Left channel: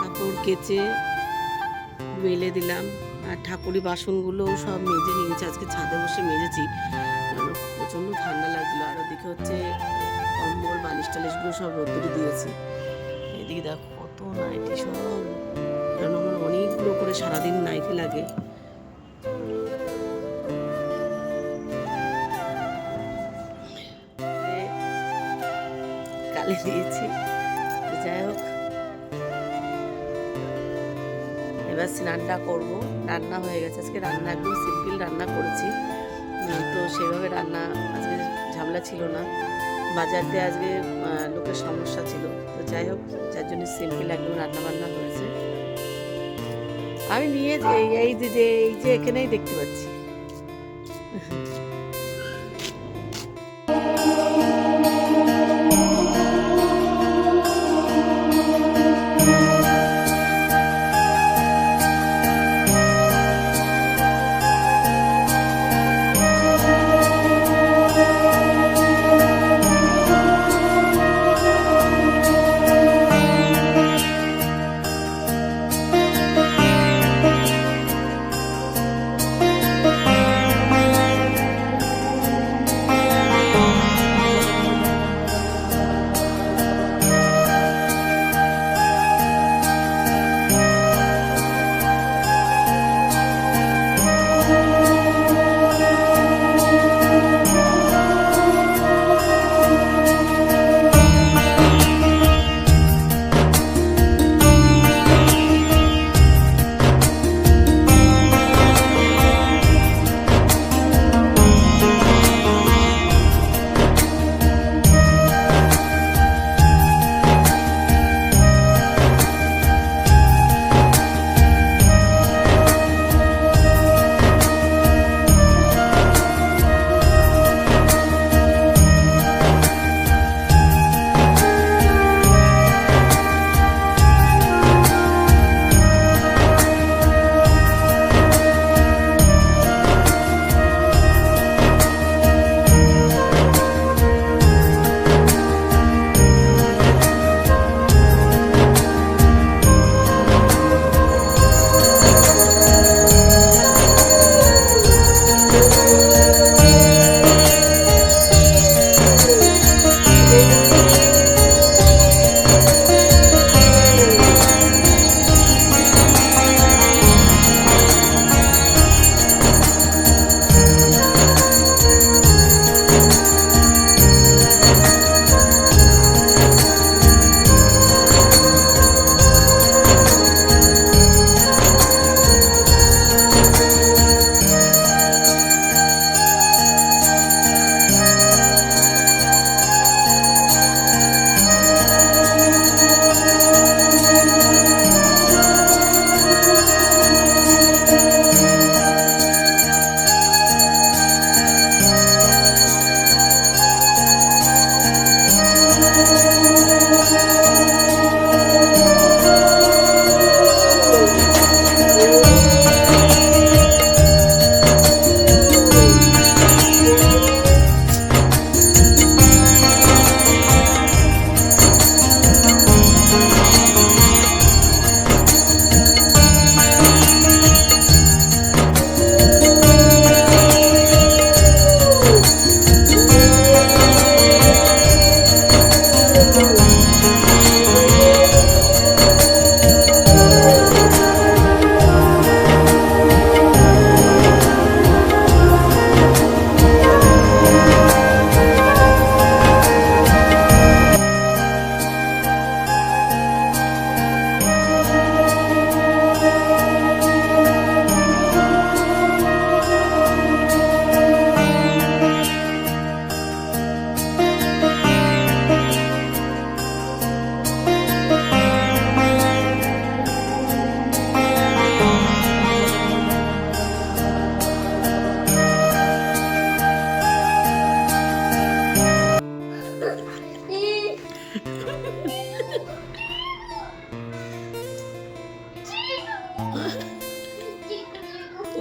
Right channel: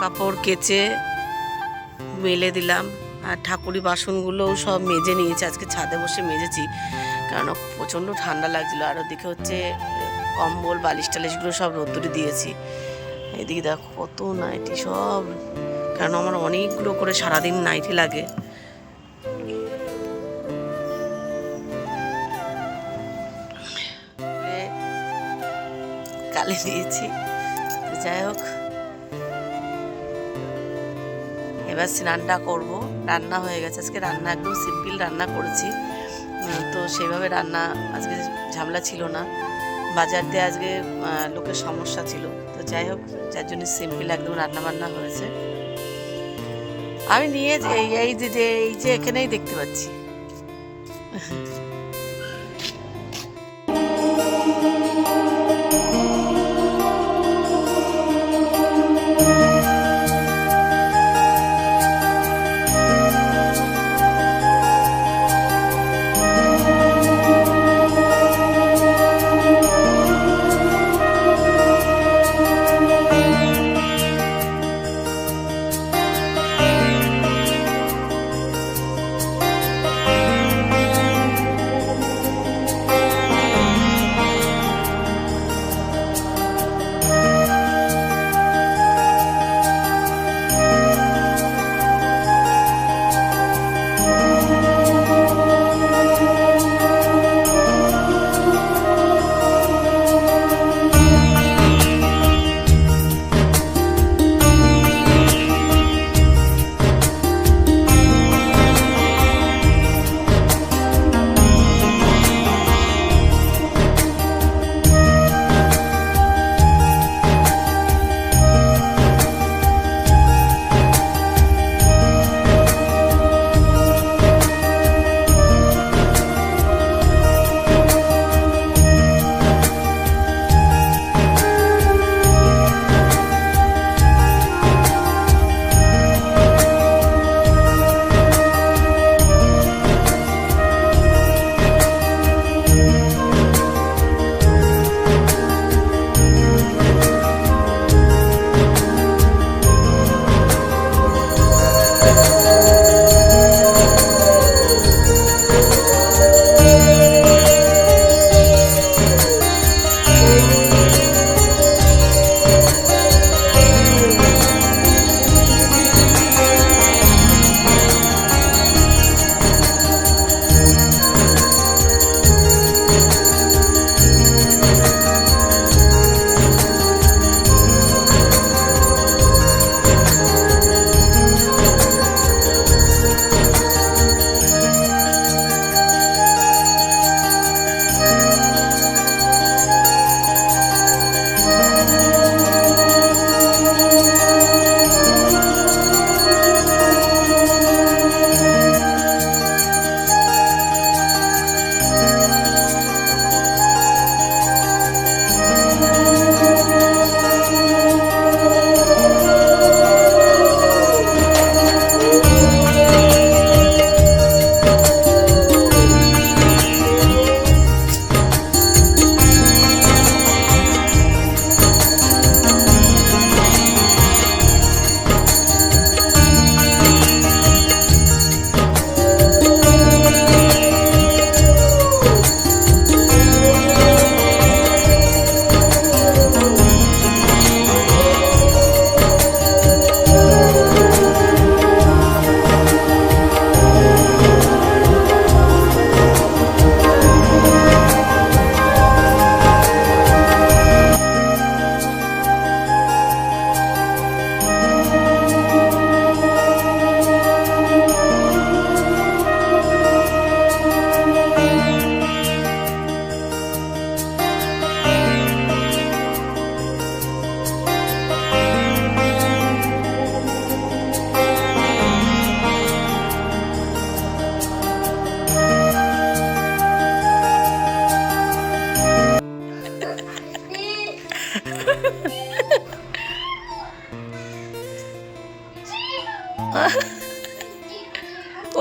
কাপড় কেচে মেলে দিলাম, আর ঠাকুরি বাসনগুলোও সব মেজে নিয়েছি। আজকে ছাদে বসে মেজেছি, কারণ প্রচণ্ড ঠান্ডা লাগছিলো। আর ওদিকে হচ্ছে কম্বল বালিশ টালিশগুলো সব রোদ্দুরে দিয়েছি। এদিকে দেখো কত নাইটি সব, কারণ আমার অনেকগুলো করে সারাদিন নাইটি লাগে। কালে দিয়েছি, যাই হোক এবার স্নানটা করব। রান্না হয়ে গেছে, আজকে রান্না একদম সিম্পল রান্না করেছি, তো সেভাবে রান্না আজকে ঝামেলা ছিল না। বাজার দিয়ে আজকে লোকের সমস্যা ছিল, তো যাই হোক যার জন্য সিম্পল একদম রান্না বান্না হয়েছে। আমি নিয়ে এই যে এখানেই দেখতে পাচ্ছি।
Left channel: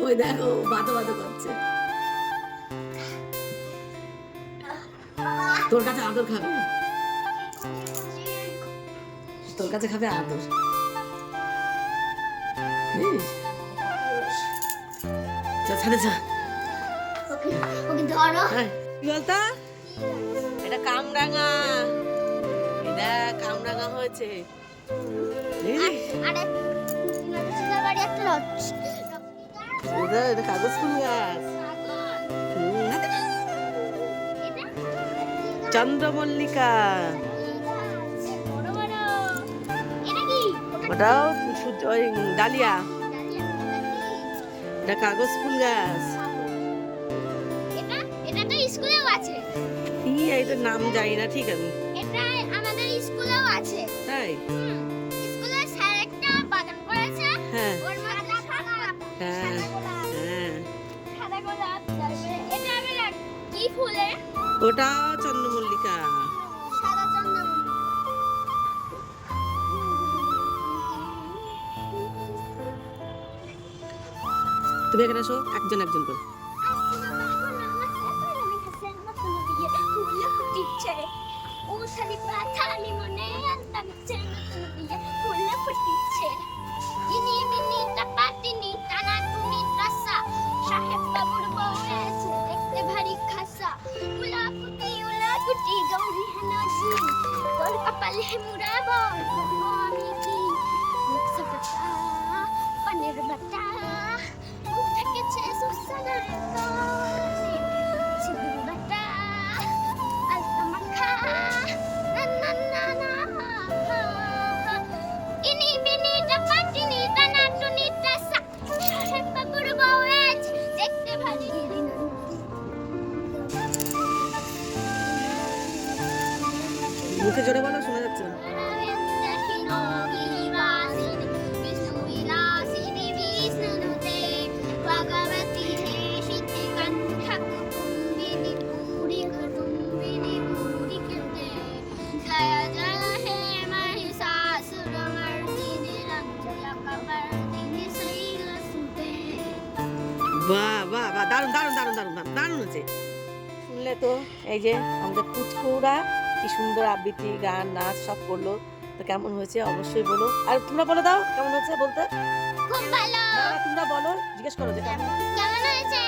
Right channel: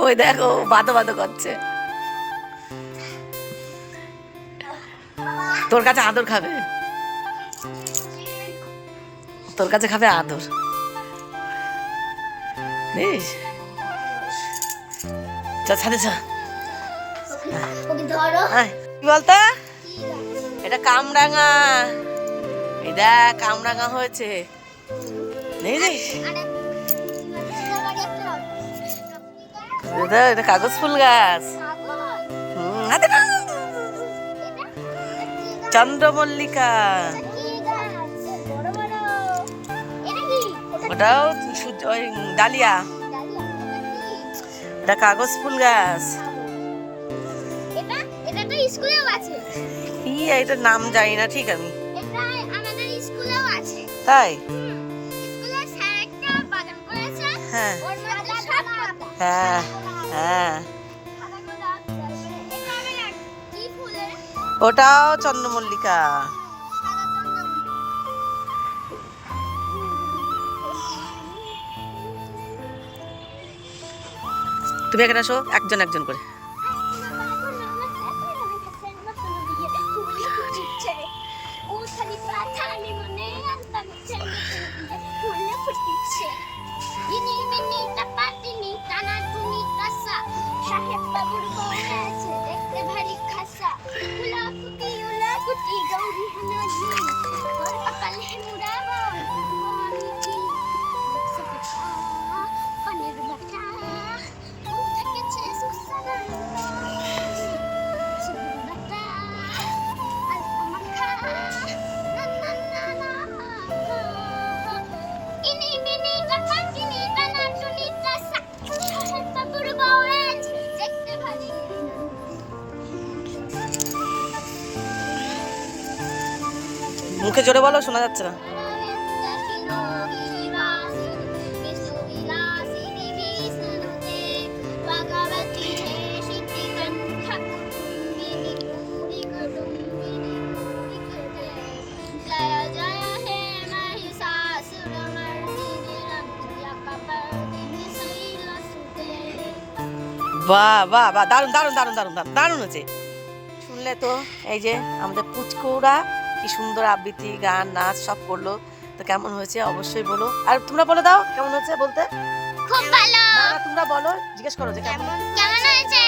ওই দেখো বাতো বাতো করছে, তোর কাছে আদর খাবে, তোর কাছে খাবে আদর। বুঝিস চল ছাদে চল। কি বলতো এটা কামরাঙা, এটা কামরাঙা হয়েছে বুঝিস। এটা কাগজ ফুল গাছ, চন্দ্রমল্লিকা, ওটাও ওই ডালিয়া, এটা কাগজ ফুল গাছ। এটার নাম জানি না ঠিক আমি, তাই হ্যাঁ হ্যাঁ হ্যাঁ, ওটাও চন্দ্রমল্লিকা। তুমি এখানে আসো, একজন একজন করে। মুখে জোরে বলো, শোনা যাচ্ছে না। বাহ বাহ বাহ, দারুণ দারুণ দারুণ দারুণ দারুণ হচ্ছে। শুনলে তো, এই যে আমাদের পুচকুরা কি সুন্দর আবৃত্তি, গান, নাচ সব করলো। তো কেমন হয়েছে অবশ্যই বলো। আর তোমরা বলে দাও কেমন হয়েছে বলতে। খুব ভালো। তোমরা বলো, জিজ্ঞেস করো যে কেমন হয়েছে।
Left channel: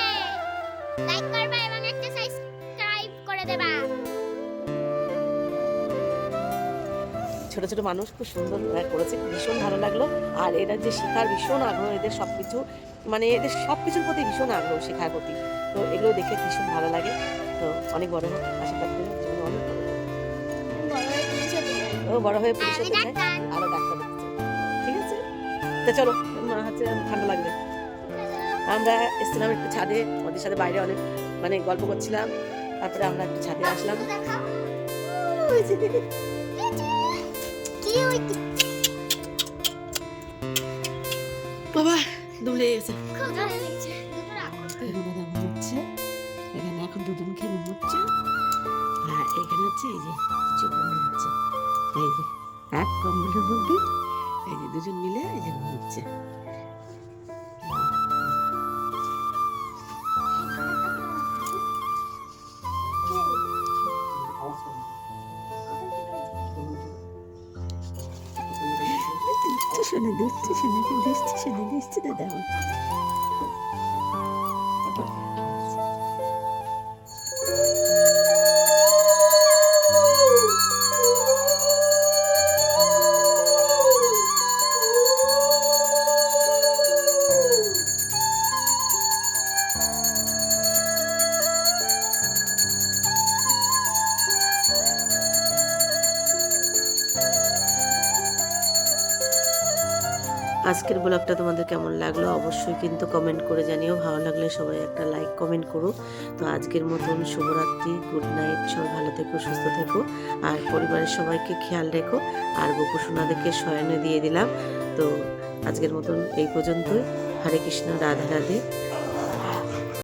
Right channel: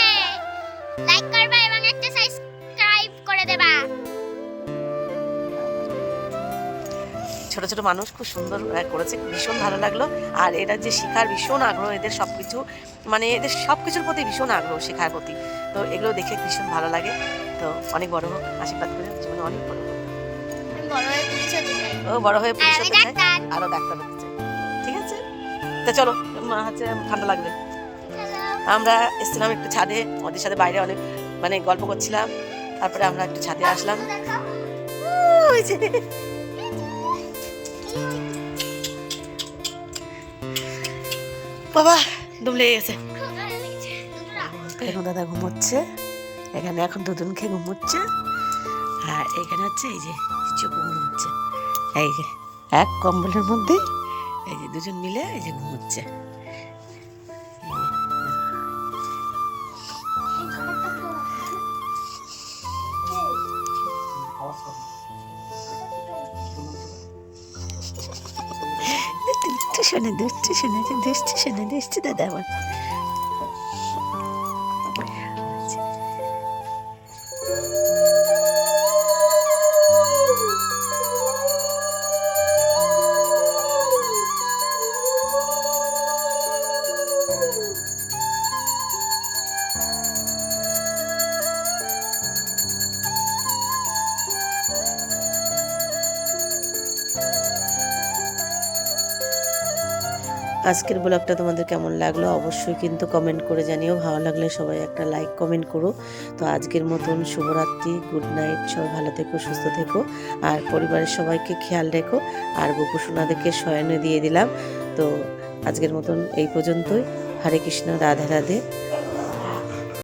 লাইক করবা এবং একটা সাবস্ক্রাইব করে দেবা। ছোট ছোট মানুষ খুব সুন্দর করেছে, ভীষণ ভালো লাগলো। আর এরা যে শেখার ভীষণ আগ্রহ, এদের সবকিছু মানে এদের সবকিছুর প্রতি ভীষণ আগ্রহ, শেখার প্রতি। তো এগুলো দেখে ভীষণ ভালো লাগে। তো অনেক বড় হোক, আশীর্বাদ করে জীবনে অনেক বড় হোক। ও বড় হয়ে পুলিশ হতে চায়, আরো ডাক্তার হতে চায়। ঠিক আছে, তো চলো, হচ্ছে ঠান্ডা লাগবে। আমরা এসেছিলাম একটু ছাদে, ওদের সাথে বাইরে অনেক মানে গল্প করছিলাম। তারপরে আমরা একটু ছাদে আসলাম। বাবা দম লেগে গেছে। এখন দাদা ঘুমোচ্ছে, এখানে এখন দুজন খেয়ে ঘুমোচ্ছে। আর এখানে হচ্ছে এই যে চুপ ঘুমোচ্ছে, এই যে এক কম্বলের মধ্যে এই যে দুজন মিলে এই যে ঘুমোচ্ছে। শোনে দুষ্টু, শোনে দুষ্টু, শোনে দুষ্টু দাদা আমার। আজকের ব্লগটা তোমাদের কেমন লাগলো অবশ্যই কিন্তু কমেন্ট করে জানিও। ভালো লাগলে সবাই একটা লাইক কমেন্ট করো। তো আজকের মতন শুভরাত্রি, গুড নাইট। সবাই ভালো থেকো, সুস্থ থেকো, আর পরিবারের সবাইকে খেয়াল রেখো। আর গোপু সোনাদেরকে শয়নে দিয়ে দিলাম। তো আজকের মতন এই পর্যন্তই। হরে কৃষ্ণ, রাধে রাধে।